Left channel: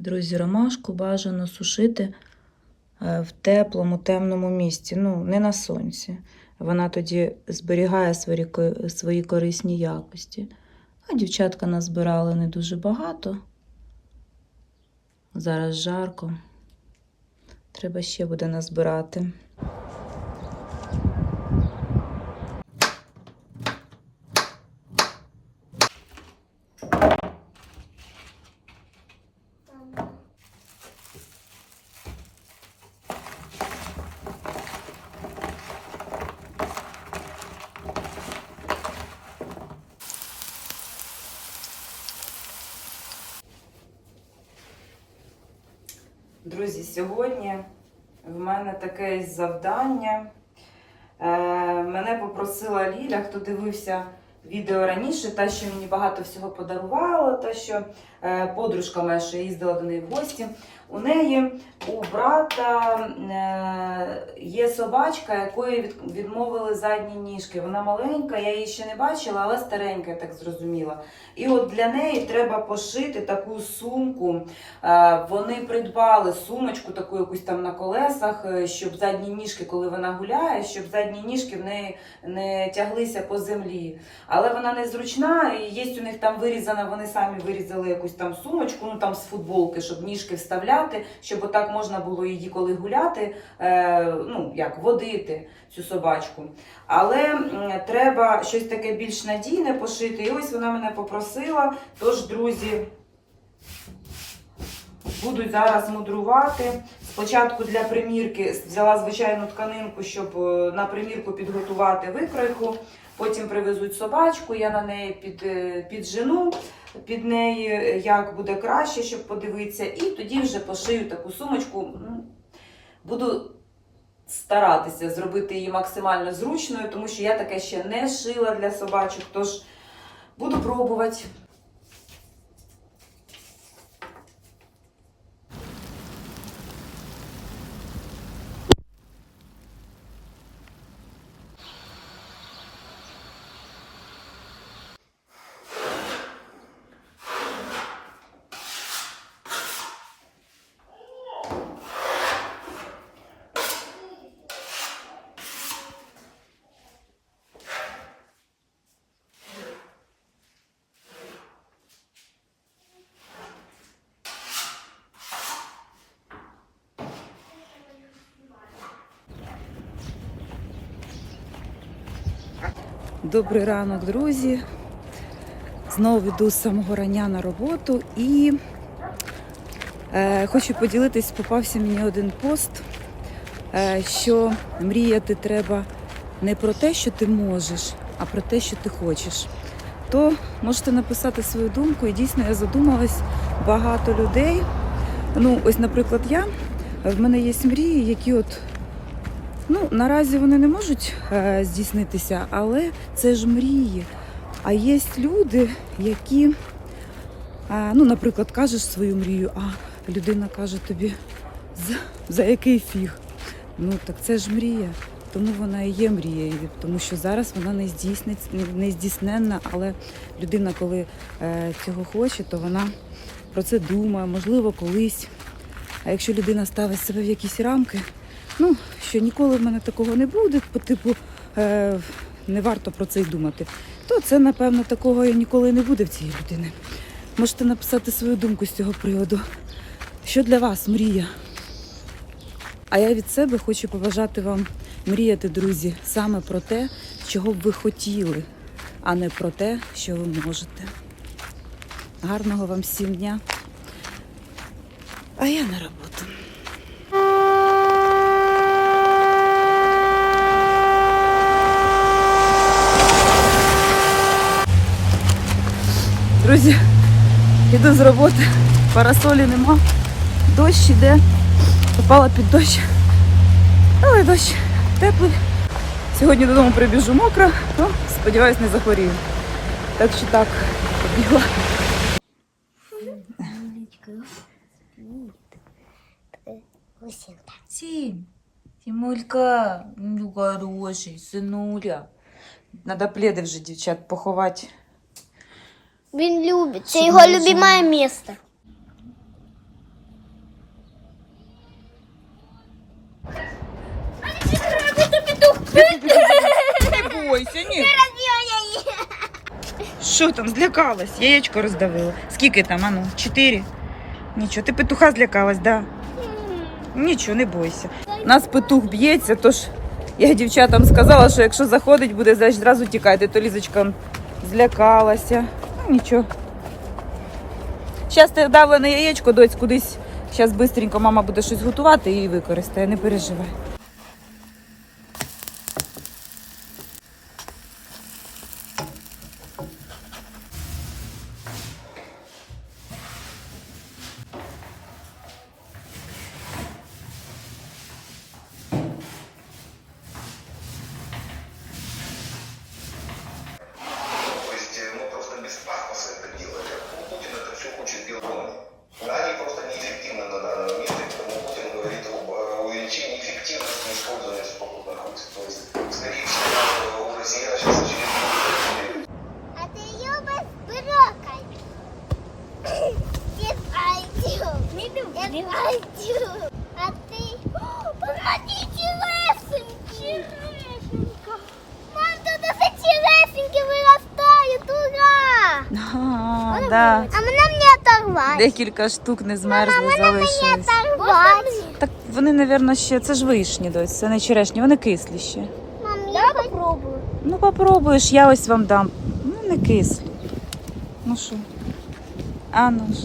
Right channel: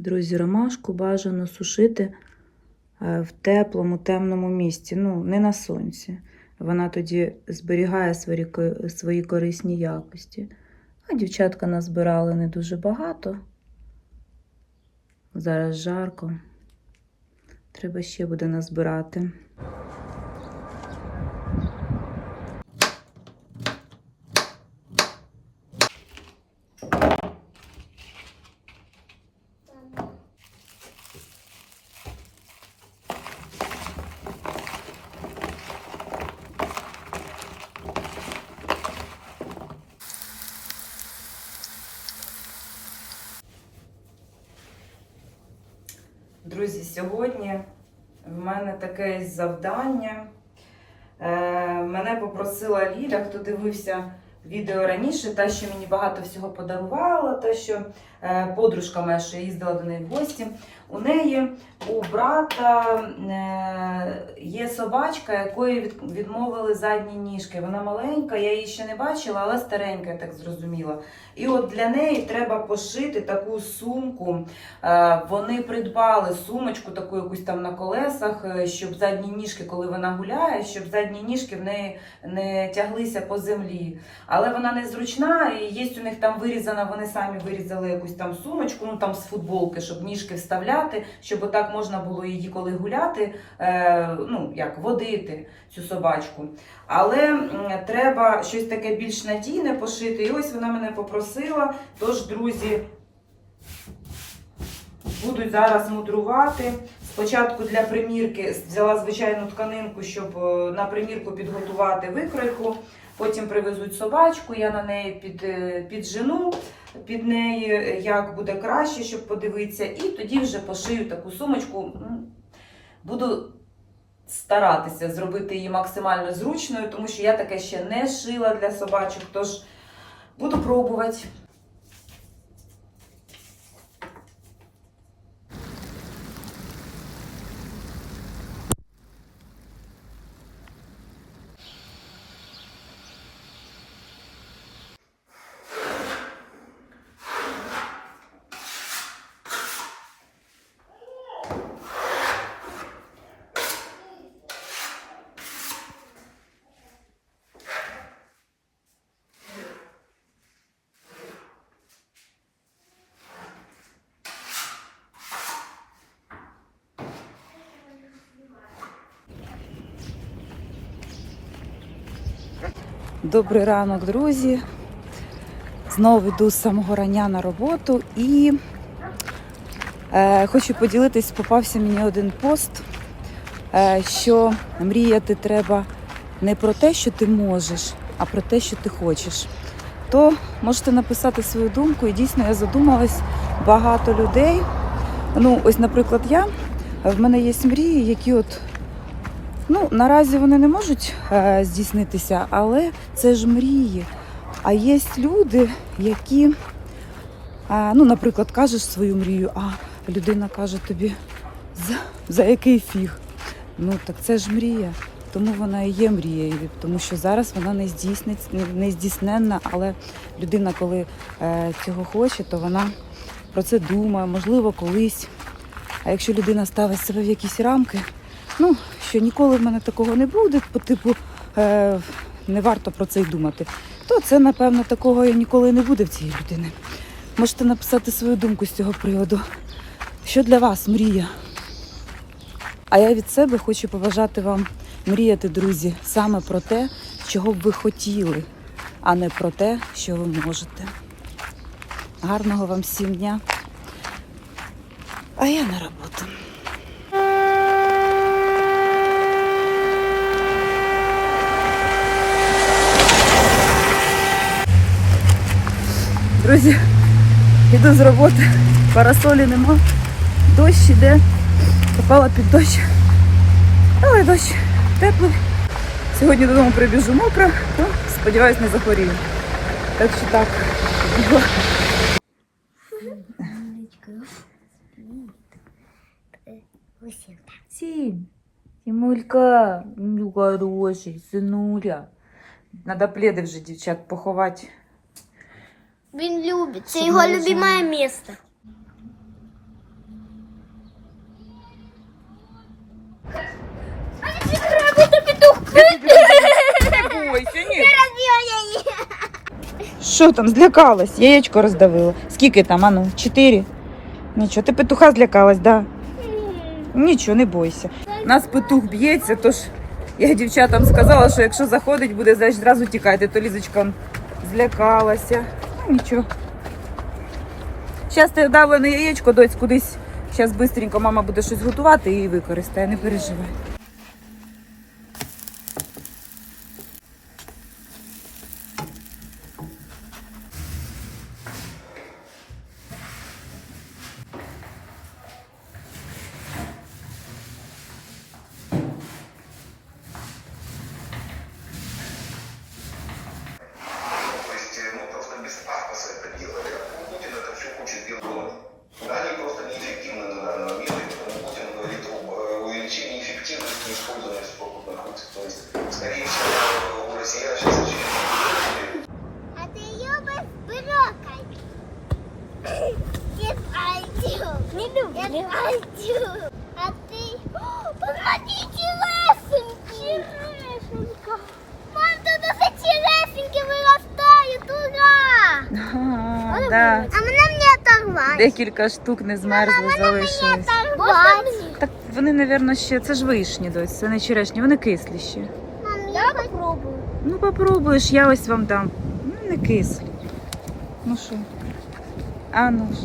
Друзі, ромашку бажано сушити в теплому, темному місці, ну, не на сонці. Вона тоді зберігає свої, свої корисні якості. А дівчатка назбирали не дуже багато. Зараз жарко. Треба ще буде назбирати. Друзі, сьогодні в мене таке завдання. Е, мене попросила Ліля, хто дивився відео раніше, те, що мені багато всього подарувало, те, що подружка моя, що їздила до неї в гості. У неї у брата е, є собачка, якої відмовили задні ніжки. Вона маленька, я її ще не бачила, але старенька, я так зрозуміла. І от для неї треба пошити таку сумку. Е, Вони придбали сумочку, таку якусь там на колесах, е, щоб задні ніжки, коли вона гуляє, щоб задні ніжки в неї не тяглися по землі. Але вона не зручна, і є у них там вирізана, вони самі вирізали якусь там сумочку, ну там з футболки, щоб ніжки вставляти, щоб отак можна було її коли гуляти, е, ну як водити цю собачку. Але треба щось таке більш надійне пошити. І ось вона мене попросила. Тож, друзі, будуть зараз мудрувати. Спочатку для примірки взяла звичайну тканинку, щоб е, на примірку підготувати викройку. Потім привезуть собачку, я на неї під, е, піджену під неї, е, як буде краще, щоб подивитися. І тоді вже пошию таку сумочку. Буду старатися зробити її максимально зручною, тому що я таке ще не шила для собачок, тож буду пробувати. Добрий ранок, друзі. Знову йду з самого рання на роботу і е, хочу поділитись, попався мені один пост, е, що мріяти треба не про те, що ти можеш, а про те, що ти хочеш. То можете написати свою думку, і дійсно я задумалась багато людей. Ну, ось, наприклад, я в мене є мрії, які от Ну, наразі вони не можуть е, здійснитися, але це ж мрії. А є люди, які, е, ну, наприклад, кажеш свою мрію, а людина каже тобі, за, за який фіг? Ну, так це ж мрія. Тому вона і є мрією, тому що зараз вона не не- не здійсненна, але людина, коли е, цього хоче, то вона про це думає, можливо, колись. А якщо людина ставить себе в якісь рамки, ну, що ніколи в мене такого не буде, по типу е, не варто про це й думати, то це, напевно, такого і ніколи не буде в цієї людини. Можете написати свою думку з цього приводу. Що для вас мрія? А я від себе хочу побажати вам мріяти, друзі, саме про те, чого б ви хотіли, а не про те, що ви можете. Гарного вам всім дня. А я на роботу. Друзі, іду з роботи, парасолі нема, дощ іде, попала під дощ. Але дощ теплий, Сьогодні додому прибіжу мокра, то сподіваюсь, не захворію. Так що так, побігла. Сім. Тімулька, ну хороший, синуля. Надо пледи вже, дівчат, поховати. Він любить. Це Щоб його не любиме місце. Не бойся, ні. Що там, злякалась? Яєчко роздавила. Скільки там, ану? Чотири? Нічого, ти петуха злякалась, да? Нічого, не бойся. Нас петух б'ється, тож я дівчатам сказала, що якщо заходить, буде значить, зразу тікати. То Лізочка злякалася. Нічого. Зараз ти давлене яєчко, дочь, кудись. Зараз швидко мама буде щось готувати і використає, не переживай. Пойду. А ти? О, Помоги, черешеньки. Черешенька. Мам, тут усе черешеньки виростають. Ура! А, да. А мене не оторвати. Декілька штук не змерзли, залишились. Оторвати. Так вони, напевно, ще це ж вишні дось, це не черешні, вони кислі ще. Мам, я попробую. Ну, попробуєш, я ось вам дам. Ну, не кислі. Ну що? А ну ж.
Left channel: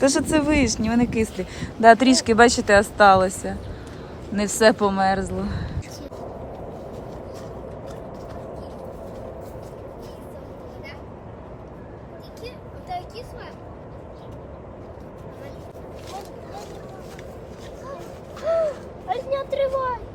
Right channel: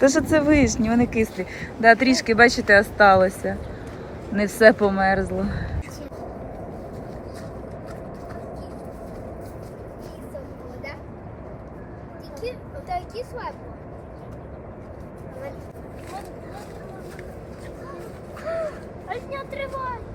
То що це вишні, вони кислі. Да, Трішки, бачите, осталося. Не все померзло. Тривай!